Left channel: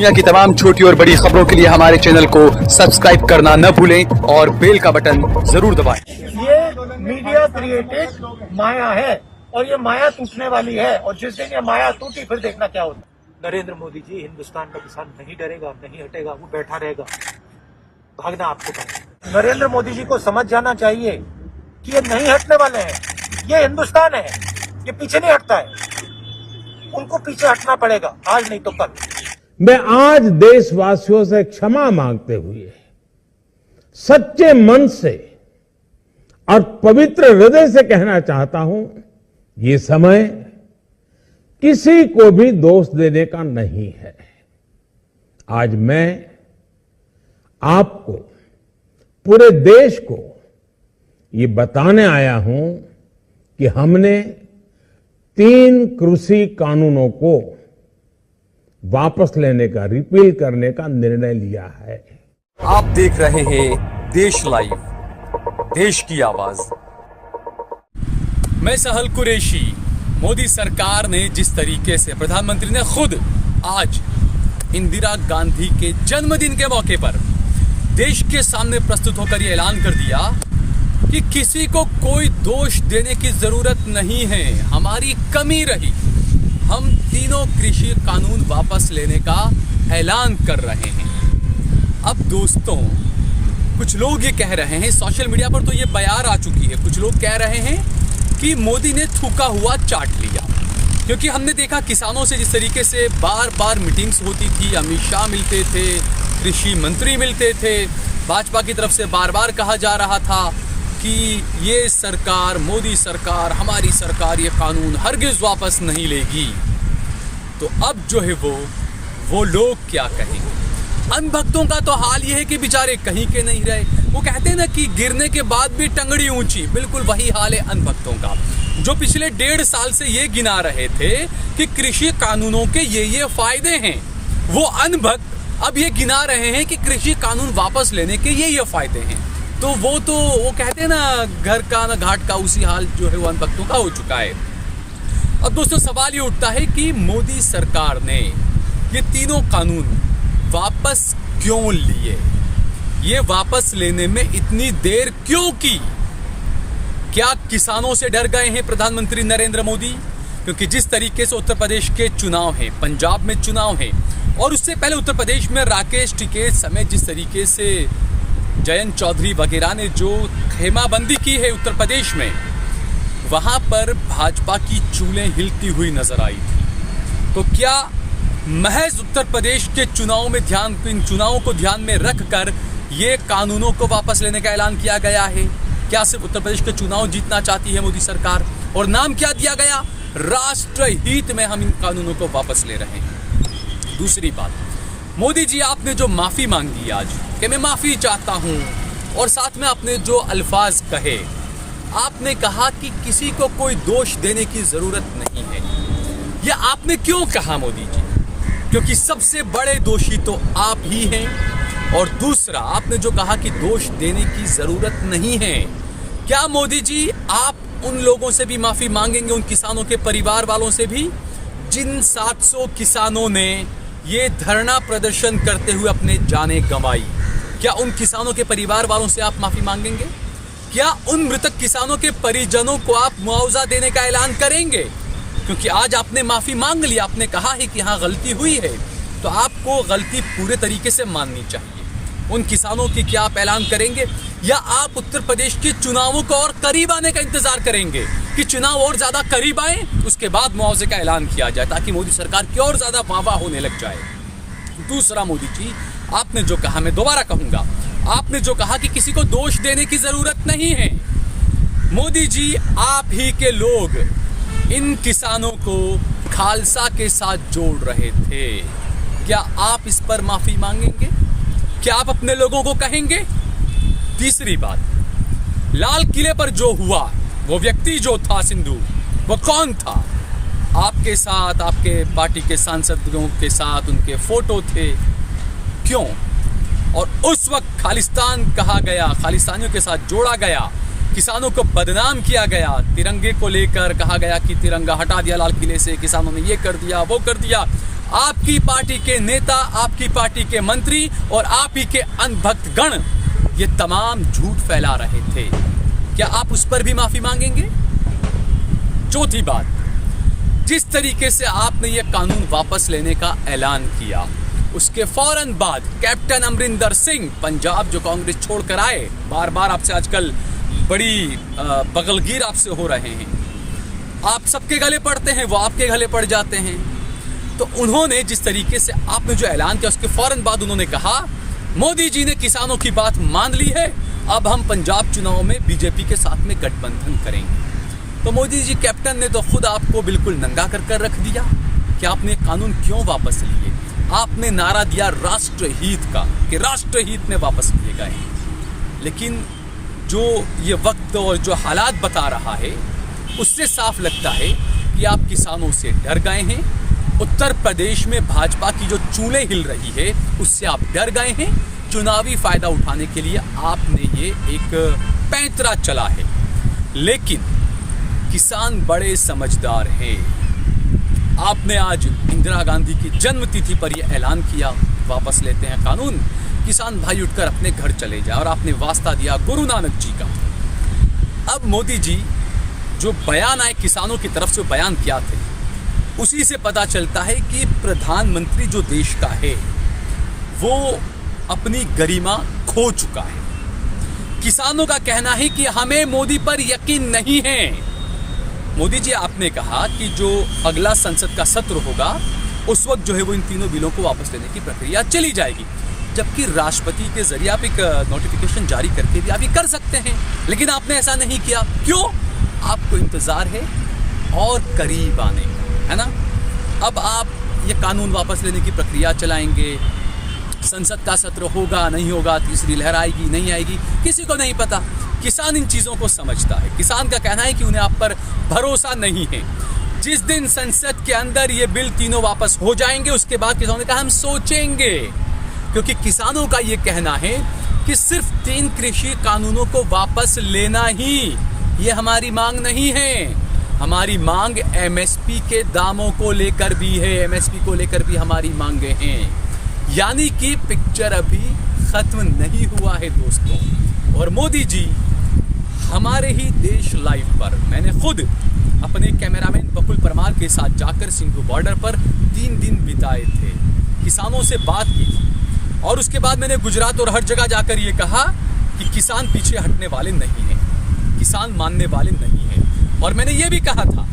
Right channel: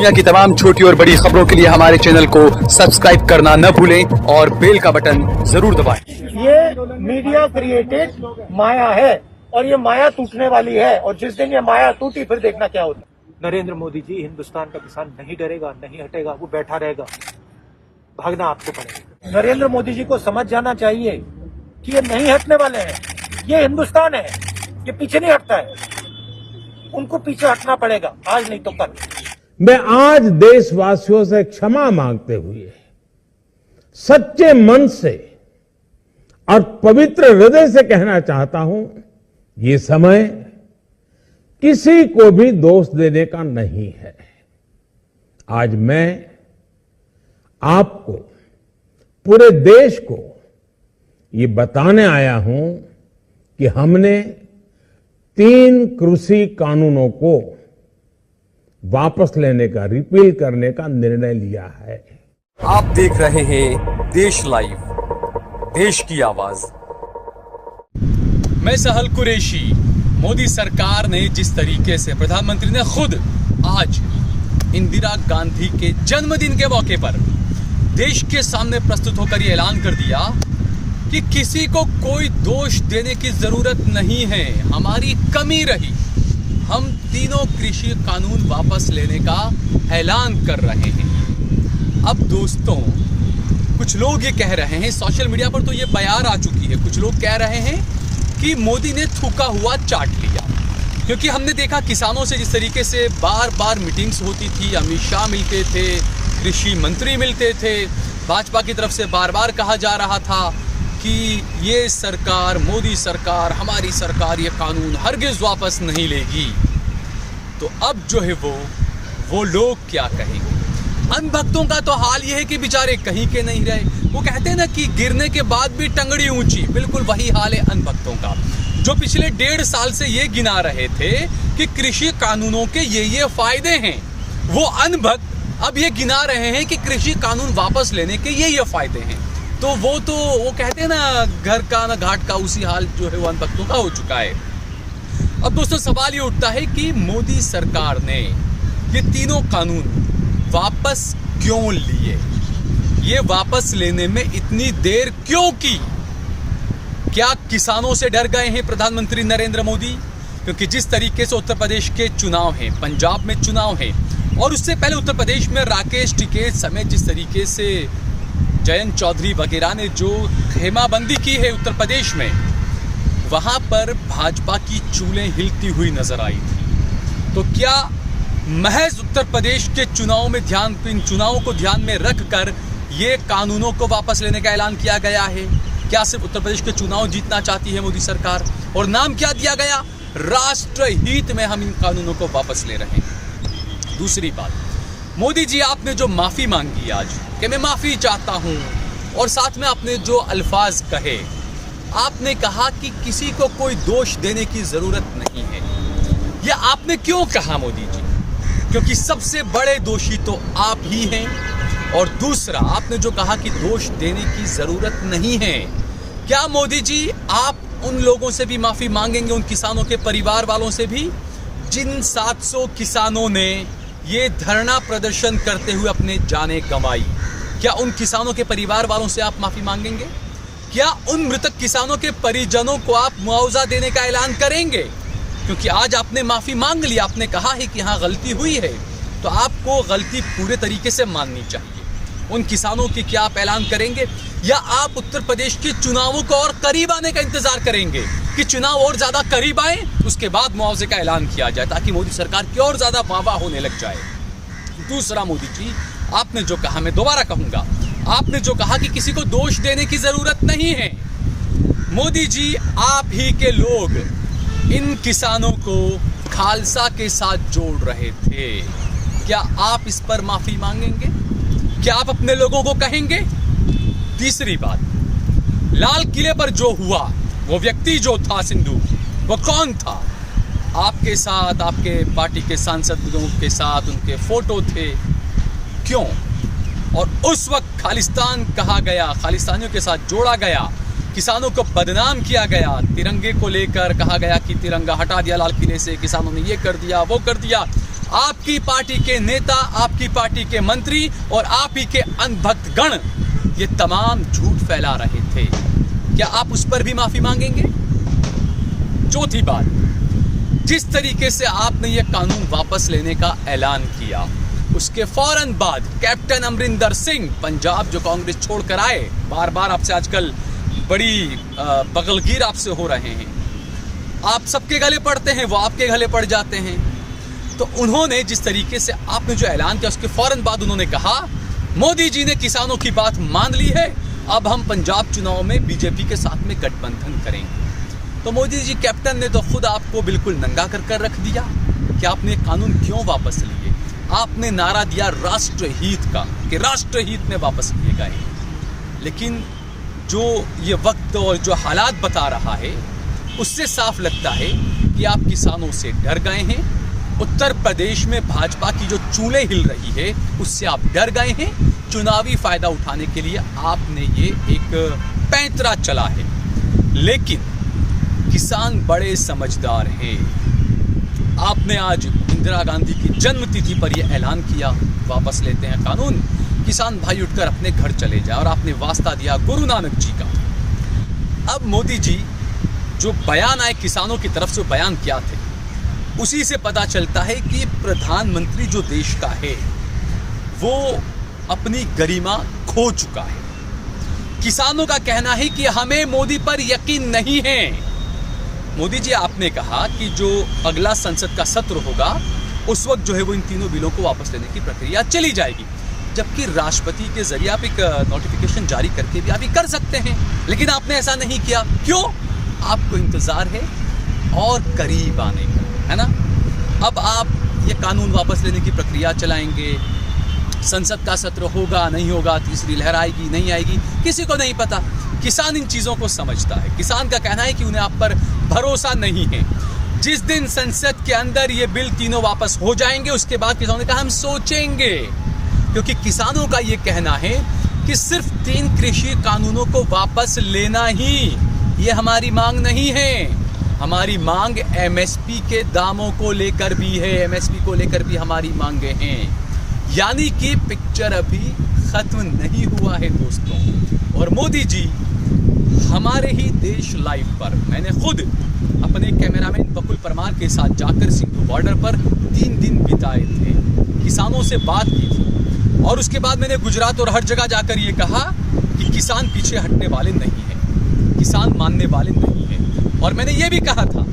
दुनिया की तमाम छोटी और बड़ी खबरों के लिए हमारे चैनल को सब्सक्राइब करना न भूलें और बेल का बटन जरूर दबाएं। ये मीडिया क्रिएटेड माया है और ये माया टूटने वाली है और जिस दिन ये माया टूटी फिर देखना क्या होता है। नरेंद्र मोदी जी, हिंदुस्तान का किसान नहीं डरेगा, नहीं हटेगा, वो बैठा रहेगा, भागना आपको पड़ेगा। नरेंद्र मोदी जी को समझ जाना चाहिए कि ये नहीं हटने वाले हैं। ये हिंदुस्तान है, ये पीछे नहीं हटता है, उनको पीछे हटना पड़ेगा, आज नहीं तो कल। मैं आज देशवासियों से क्षमा मांगते हुए सच्चे मन से और पवित्र हृदय से कहना चाहता हूं, ये समय किसी को भी दोष देने का नहीं है। आज मैं आपको, पूरे देश को ये बताने आया हूं कि हमने 3 कृषि कानूनों को वापस लेने का, रिपील करने का निर्णय लिया है। आप देख रहे हैं देश लाइव, देश की आवाज। मैं सहल कुरैशी। मोदी सरकार ने जिस तरीके से, प्रधानमंत्री ने खुद आज इंदिरा गांधी के जन्मदिन के मौके पर देश के सामने प्रस्तुत होकर यह ऐलान कर दिया कि किसी को कोई दोष देने की जरूरत नहीं है, हमारी कमी रही, हम तीनों कृषि कानून वापस लेने का ऐलान कर रहे हैं। अब दोस्तों, कुछ लोग ये कह रहे हैं, सोशल मीडिया पर तो ये बयार आ चुकी है, कुछ लोग कह रहे हैं कि मोदी ने थूका हुआ चाट लिया, क्योंकि हमने देखा किसानों से जिस तरीके से बार बार मीटिंग्स होती थी, अमित शाह मिलते थे, कृषि मंत्री मिलते थे, भाजपा की तरफ से बार बार कहा जा रहा था कि ये सरकार, मोदी सरकार, हमारी सरकार ये कानून हरगिज वापस नहीं लेगी। तो अब जो है वो लोग क्या कहें। अनभक्तों का तो हाल ये है कि बेचारे कहीं के नहीं रहे। वो कहते हैं ना कि गिरने के बाद भी टंगड़ी ऊंची, बिल्कुल वही हाल है अनभक्तों का, जो पिछले 1.5 साल से ये गिना रहे थे कि कृषि कानूनों के ये फायदे हैं। वो अनभक्त अब ये गिना रहे हैं कि कृषि कानून वापस लेने के ये फायदे हैं। तो वो कहते हैं ना, घर का ना घाट का, उसी हाल जो है वो अनभक्तों का हो चुका है। अब दोस्तों, सवाल ये उठता है कि मोदी सरकार ने ये तीनों कानून वापस क्यों लिए, ये वापस लेने में इतनी देर क्यों की। क्या किसानों से डर गए हैं प्रधानमंत्री नरेंद्र मोदी? क्योंकि जिस तरीके से उत्तर प्रदेश के चुनाव हैं, पंजाब में चुनाव हैं, और उससे पहले उत्तर प्रदेश में राकेश टिकैत समेत जिस तरीके से जयंत चौधरी वगैरह ने जो खेमाबंदी की है उत्तर प्रदेश में, वहां पर भाजपा की चूलें हिलती हुई नजर आई थी। तो क्या महज उत्तर प्रदेश के चुनाव में इन चुनावों को ध्यान में रखकर ये कानूनों को वापस लेने का ऐलान किया गया है? क्या सिर्फ उत्तर प्रदेश के चुनाव जीतना चाहती है मोदी सरकार? और नाम क्या दिया गया? राष्ट्रहित में हम इन कानूनों को वापस ले रहे हैं। दूसरी बात, मोदी जी, आपने जो माफी मांगी आज कि मैं माफी चाहता हूं, और साथ में आपने जो अल्फाज कहे, आपने कहा कि किसी को कोई दोष देने की जरूरत नहीं है। यह आपने क्यों कहा मोदी जी? क्योंकि सबसे बड़े दोषी तो आप ही हैं। और दूसरा, आपने जो कहा कि दोष देने की जरूरत नहीं है, क्या मोदी जी आप उन लोगों से भी माफी मांगेंगे, उन किसानों के परिवार वालों से भी, जिन 700 किसानों ने ये धरना प्रदर्शन करते हुए अपने जाने गंवाई? क्या उन किसानों के परिवार वालों से आप माफी मांगेंगे? क्या उन मृतक किसानों के परिजनों को आप मुआवजा देने का ऐलान करेंगे? क्योंकि आज आपने माफी मांग ली, आपने कहा है कि हाँ गलती हुई है, तो आपको गलती पूरे तरीके से माननी चाहिए। उन किसानों की क्या आप ऐलान करेंगे, या आप उत्तर प्रदेश के चुनावों को और करीब आने का इंतजार करेंगे कि चुनाव और ज्यादा करीब आए, उसके बाद मुआवजे का ऐलान किया जाए, ताकि मोदी सरकार की और ज्यादा वाहवाह होने लग जाए? दूसरा, मोदी जी, आपने जो कहा, मैं दोबारा कहूंगा, आपने जो कहा कि किसी को दोष देने की जरूरत नहीं है। मोदी जी, आप ही के लोग इन किसानों को खालसा के साथ जोड़ रहे थे। क्या आप इस पर माफी मांगेंगे? क्या आप अपने लोगों को कहेंगे? तीसरी बात, लाल किले पर जो हुआ, वो व्यक्ति जो था सिंधु, वो कौन था? आपके साथ, आपके पार्टी के सांसदों के साथ उनके फोटो थे, क्यों? और उस वक्त खालिस्तान कहा गया, खालिस्तानियों के साथ जोड़ा गया, किसानों को बदनाम किया गया, तिरंगे को लेकर कहा गया कि तिरंगा हटा दिया लाल किले से, किसानों ने ये कर दिया, वो कर दिया। आपकी पार्टी के नेता, आपकी पार्टी के मंत्री और आप ही के अनभक्त गण ये तमाम झूठ फैला रहे थे। क्या आप उस पर भी माफी मांगेंगे? चौथी बात, जिस तरीके से आपने ये कानून वापस लेने का ऐलान किया, उसके फौरन बाद कैप्टन अमरिंदर सिंह पंजाब जो कांग्रेस छोड़कर आए, बार बार आपसे आजकल बड़ी बगलगीर आपसे हो रहे हैं, आप सबके गले पड़ते हैं, वो आपके गले पड़ जाते हैं। तो उन्होंने जिस तरीके से आपने जो ऐलान किया उसके फौरन बाद उन्होंने कहा मोदी जी ने किसानों की बात मान ली है, अब हम पंजाब चुनाव में बीजेपी के साथ में गठबंधन करेंगे। तो मोदी जी कैप्टन ने तो खुद आपको बिल्कुल नंगा कर रख दिया कि आपने कानून क्यों वापस लिए। आपने नारा दिया राष्ट्रहित का कि राष्ट्रहित में वापस लिए गए, लेकिन जो ये वक्त और जो हालात बता रहा है उससे साफ लगता है कि आप किसानों से डर गए हैं। उत्तर प्रदेश में भाजपा की जो चूलें हिल रही है उससे आप डर गए हैं। चुनावी फायदा उठाने के लिए आपने ये एक पैंतरा चला है, लेकिन किसान बड़े समझदार हैं। आपने आज इंदिरा गांधी की जन्मतिथि पर यह ऐलान किया वापस लेते हैं कानून, किसान भाई उठकर अपने घर चले जाए, और आपने वास्ता दिया गुरु नानक जी का। अब मोदी जी जो बयान आए किसानों की तरफ से बयान क्या थे, उसी से पता चलता है कि प्रधानमंत्री जो देश का है वो अपनी गरिमा खो चुका है। किसानों का कहना है कि हमें मोदी पर यकीन नहीं है। मोदी जी आपने कहा कि जो अगला संसद का सत्र होगा उस वक्त जो है वो इन तीनों बिलों को वापस लेने की प्रक्रिया चली जाएगी, जबकि राष्ट्रपति के जरिए आप एक नोटिफिकेशन जारी करके भी आप ये कर सकते हैं, लेकिन आपने ऐसा नहीं किया। क्यों? आपको इंतजार है और करीब आने का, है ना। अब आप ये कानून वापस लेने की प्रक्रिया चलाएंगे, संसद का सत्र होगा नहीं होगा, तीसरी लहर आएगी नहीं आएगी, किसी को नहीं पता। किसान इन चीजों को समझता है। किसान का कहना है कि उन्हें आप पर भरोसा नहीं है। जिस दिन संसद के अंदर ये बिल तीनों वापस हो जाएंगे उसके बाद किसानों ने कहा हम सोचेंगे, क्योंकि किसानों का ये कहना है कि सिर्फ 3 कृषि कानूनों को वापस लेना ही ये हमारी मांग नहीं है। हमारी मांग एमएसपी के दामों को लेकर भी है, एमएसपी को लेकर भी हमारी मांगे हैं। यानी कि पिक्चर अभी खत्म नहीं हुआ है दोस्तों। और मोदी जी हमारे ही देश लाइव पर, मैंने खुद अपने कैमरामैन बकुल परमार के साथ जाकर सिंधु बॉर्डर पर 3 दिन बिताए थे, किसानों से बात की थी, और उसके बाद मैंने गुजरात और हर जगह जाकर ये कहा कि किसान पीछे हटने वाले नहीं हैं, किसान मानने वाले नहीं हैं। और मैंने ये भी कहा था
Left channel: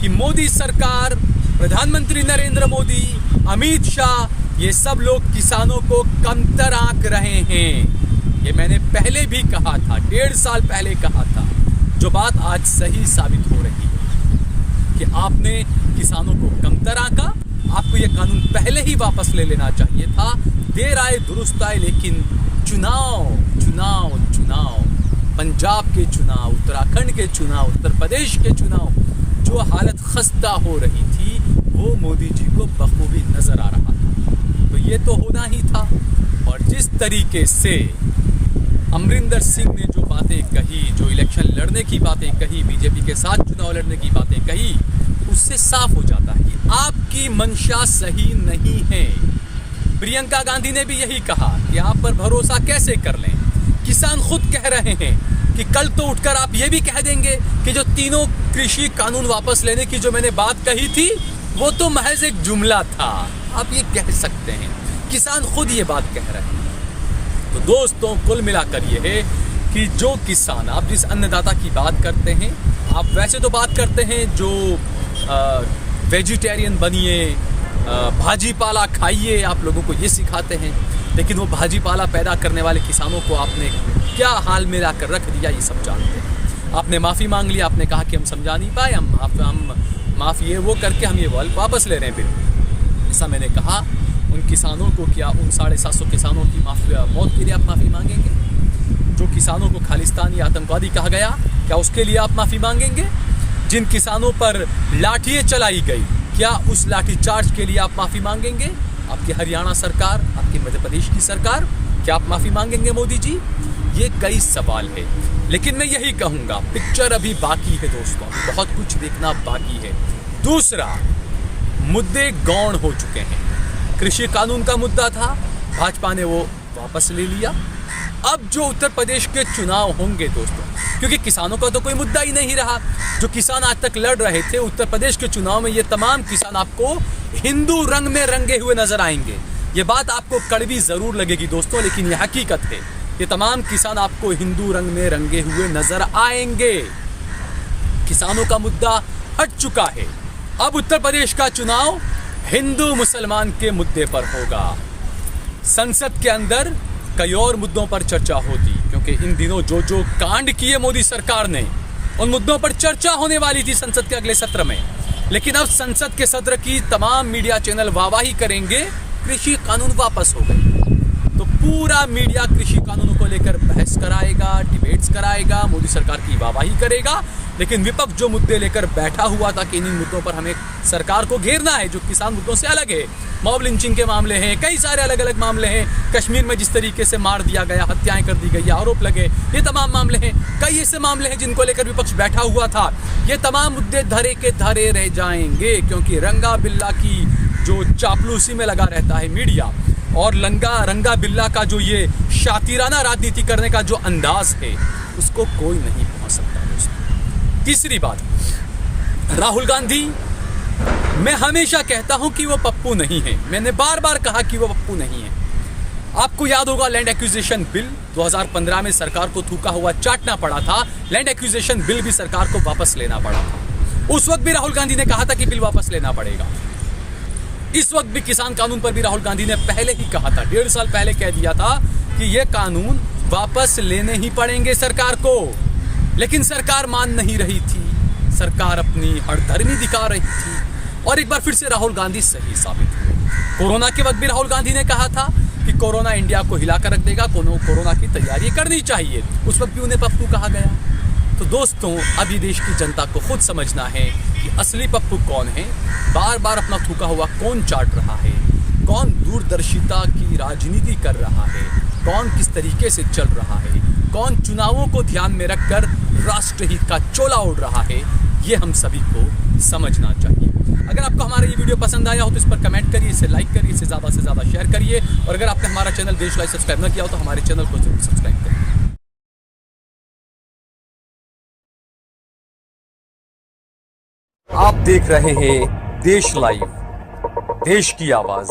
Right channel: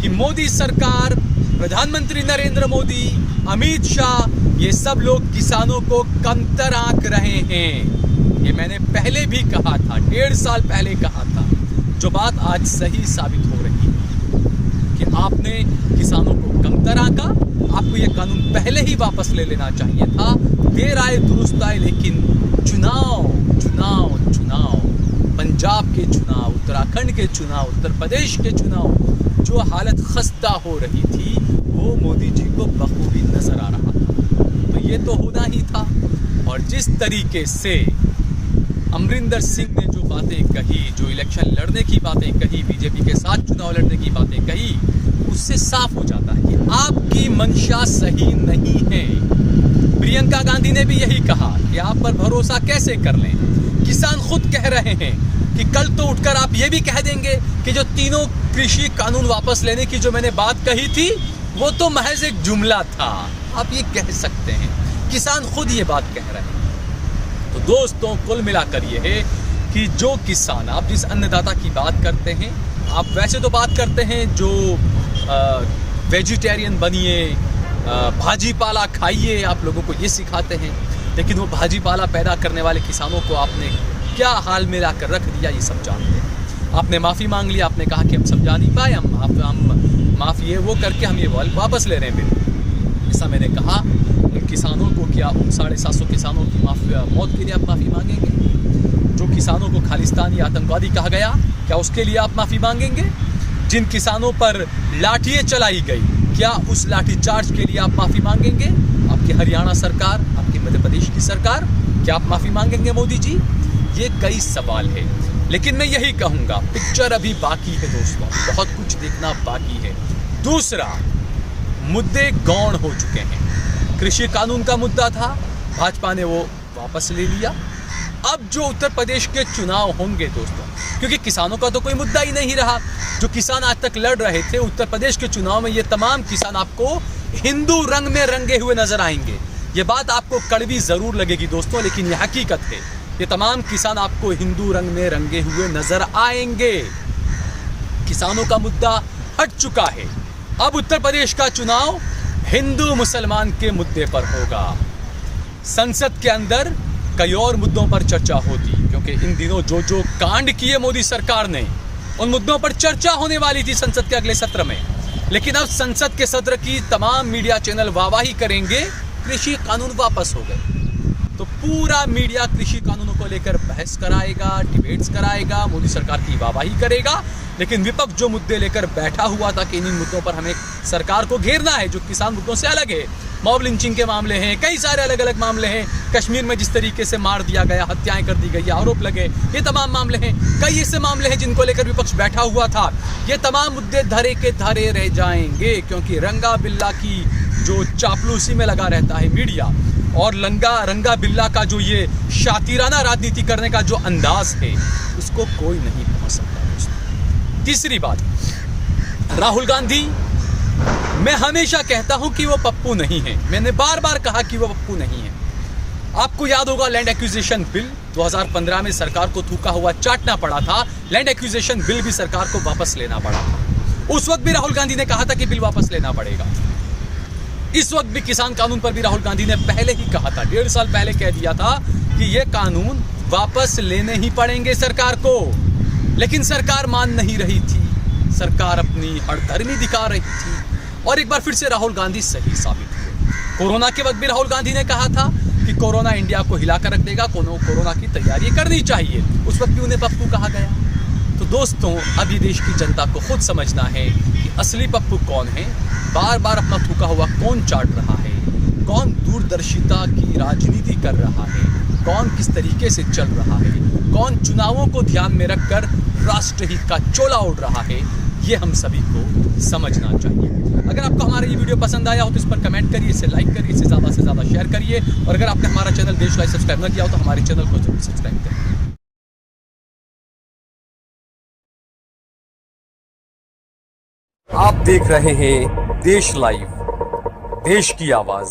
कि मोदी सरकार, प्रधानमंत्री नरेंद्र मोदी, अमित शाह, ये सब लोग किसानों को कमतर आंक रहे हैं। ये मैंने पहले भी कहा था, 1.5 साल पहले कहा था, जो बात आज सही साबित हो रही है कि आपने किसानों को कमतर आंका। आपको ये कानून पहले ही वापस ले लेना चाहिए था। देर आए दुरुस्त आए, लेकिन चुनाव चुनाव चुनाव, पंजाब के चुनाव, उत्तराखंड के चुनाव, उत्तर प्रदेश के चुनाव, जो हालत खस्ता हो रही थी वो मोदी जी को बखूबी नजर आ रहा था। तो ये तो होना ही था। और जिस तरीके से अमरिंदर सिंह ने जो बातें कही, जो इलेक्शन लड़ने की बातें कही, बीजेपी के साथ चुनाव लड़ने की बातें कही, उससे साफ हो जाता है कि आपकी मंशा सही नहीं है। प्रियंका गांधी ने भी यही कहा कि आप पर भरोसा कैसे कर लें। किसान खुद कह रहे हैं कि कल तो उठकर आप ये भी कह देंगे कि जो तीनों कृषि कानून वापस लेने की जो मैंने बात कही थी वो तो महज एक जुमला था। आप ये कह सकते हैं, किसान खुद ये बात कह रहे हैं। तो दोस्तों, कुल मिलाकर ये है कि जो किसान, आप जिस अन्नदाता की बात करते हैं, आप वैसे तो बात करते हैं जो वेजिटेरियन बनिए, भाजी पाला खाइए, आप लोगों को ये सिखाते हैं, लेकिन वो भाजी पाला पैदा करने वाले किसानों को आपने क्या हाल में लाकर रख दिया ये सब जानते हैं। आपने माफ़ी मांग ली, आपने कहा कि हम समझा नहीं पाए, हम माफ़ी ये वो करके हम ये वापस ले रहे हैं बिल। ऐसा मैंने कहा उन किसानों को, क्या उन 750 किसानों की मौत के लिए आप माफ़ी मांगेंगे? जो किसानों को खालिस्तानी आतंकवादी कहा गया, क्या उसके लिए आप माफ़ी मांगेंगे? जिन किसानों पर लाठियाँ चलाई गई, क्या उस लाठीचार्ज के लिए आप माफ़ी मांगेंगे? आपकी हरियाणा सरकार, आपकी मध्य प्रदेश की सरकार, क्या आप माफ़ी मांगेंगे मोदी जी? ये कई सवाल है, लेकिन मैं यही कहूँगा, पिक्चर अभी बाकी है दोस्तों, बहुत कुछ देखना बाकी है। दूसरा, मुद्दे गौण हो चुके हैं। कृषि कानून का मुद्दा था, भाजपा ने वो वापस ले लिया। अब जो उत्तर प्रदेश के चुनाव होंगे दोस्तों, क्योंकि किसानों का तो कोई मुद्दा ही नहीं रहा, जो किसान आज तक लड़ रहे थे, उत्तर प्रदेश के चुनाव में ये तमाम किसान आपको हिंदू रंग में रंगे हुए नजर आएंगे। ये बात आपको कड़वी जरूर लगेगी दोस्तों, लेकिन ये हकीकत है। ये तमाम किसान आपको हिंदू रंग में रंगे हुए नजर आएंगे। किसानों का मुद्दा हट चुका है। अब उत्तर प्रदेश का चुनाव हिंदू मुसलमान के मुद्दे पर होगा। संसद के अंदर कई और मुद्दों पर चर्चा होती, क्योंकि इन दिनों जो जो कांड किए मोदी सरकार ने, उन मुद्दों पर चर्चा होने वाली थी संसद के अगले सत्र में। लेकिन अब संसद के सत्र की तमाम मीडिया चैनल वाहवाही करेंगे, कृषि कानून वापस हो गए। तो पूरा मीडिया कृषि कानूनों को लेकर बहस कराएगा, डिबेट्स कराएगा, मोदी सरकार की वाहवाही करेगा। लेकिन विपक्ष जो मुद्दे लेकर बैठा हुआ था कि इन मुद्दों पर हमें सरकार को घेरना है, जो किसान मुद्दों से अलग है, मॉब लिंचिंग के मामले हैं, कई सारे अलग अलग मामले हैं, कश्मीर में जिस तरीके से मार दिया गया, हत्याएं कर दी गई, आरोप लगे, ये तमाम मामले हैं। कई ऐसे मामले हैं जिनको लेकर विपक्ष बैठा हुआ था। ये तमाम मुद्दे धरे के धरे रह जाएंगे, क्योंकि रंगा बिल्ला की जो चापलूसी में लगा रहता है मीडिया, और रंगा बिल्ला का जो ये शातिराना राजनीति करने का जो अंदाज है, उसको कोई नहीं पहुंच सकता दोस्तों। तीसरी बात, राहुल गांधी, मैं हमेशा कहता हूं कि वो पप्पू नहीं है। मैंने बार बार कहा कि वो पप्पू नहीं है। आपको याद होगा लैंड एक्विजिशन बिल 2015 में सरकार को थूका हुआ चाटना पड़ा था। लैंड एक्विजिशन बिल भी सरकार को वापस लेना पड़ा था। उस वक्त भी राहुल गांधी ने कहा था कि बिल वापस लेना पड़ेगा। इस वक्त भी किसान कानून पर भी राहुल गांधी ने पहले ही कहा था, 1.5 साल पहले कह दिया था कि ये कानून वापस लेने ही पड़ेंगे सरकार को। लेकिन सरकार मान नहीं रही थी, सरकार अपनी हठधर्मी दिखा रही थी, और एक बार फिर से राहुल गांधी सही साबित हुए। कोरोना के वक्त भी राहुल गांधी ने कहा था कि कोरोना इंडिया को हिलाकर रख देगा, कोरोना की तैयारी करनी चाहिए। उस वक्त भी उन्हें पप्पू कहा गया। तो दोस्तों, अभी देश की जनता को खुद समझना है कि असली पप्पू कौन है, बार बार अपना थूका हुआ कौन चाट रहा है, कौन दूरदर्शिता की राजनीति कर रहा है, कौन किस तरीके से चल रहा है, कौन चुनावों को ध्यान में रखकर राष्ट्रहित का चोला ओढ़ रहा है। ये हम सभी को समझना चाहिए। अगर आपको हमारा ये वीडियो पसंद आया हो तो इस पर कमेंट करिए, इसे लाइक करिए, इसे ज़्यादा से ज़्यादा शेयर करिए, और अगर आपने हमारा चैनल देश लाइव सब्सक्राइब न किया हो तो हमारे चैनल को जरूर सब्सक्राइब करिए। आप देख रहे हैं देश लाइव, देश की आवाज।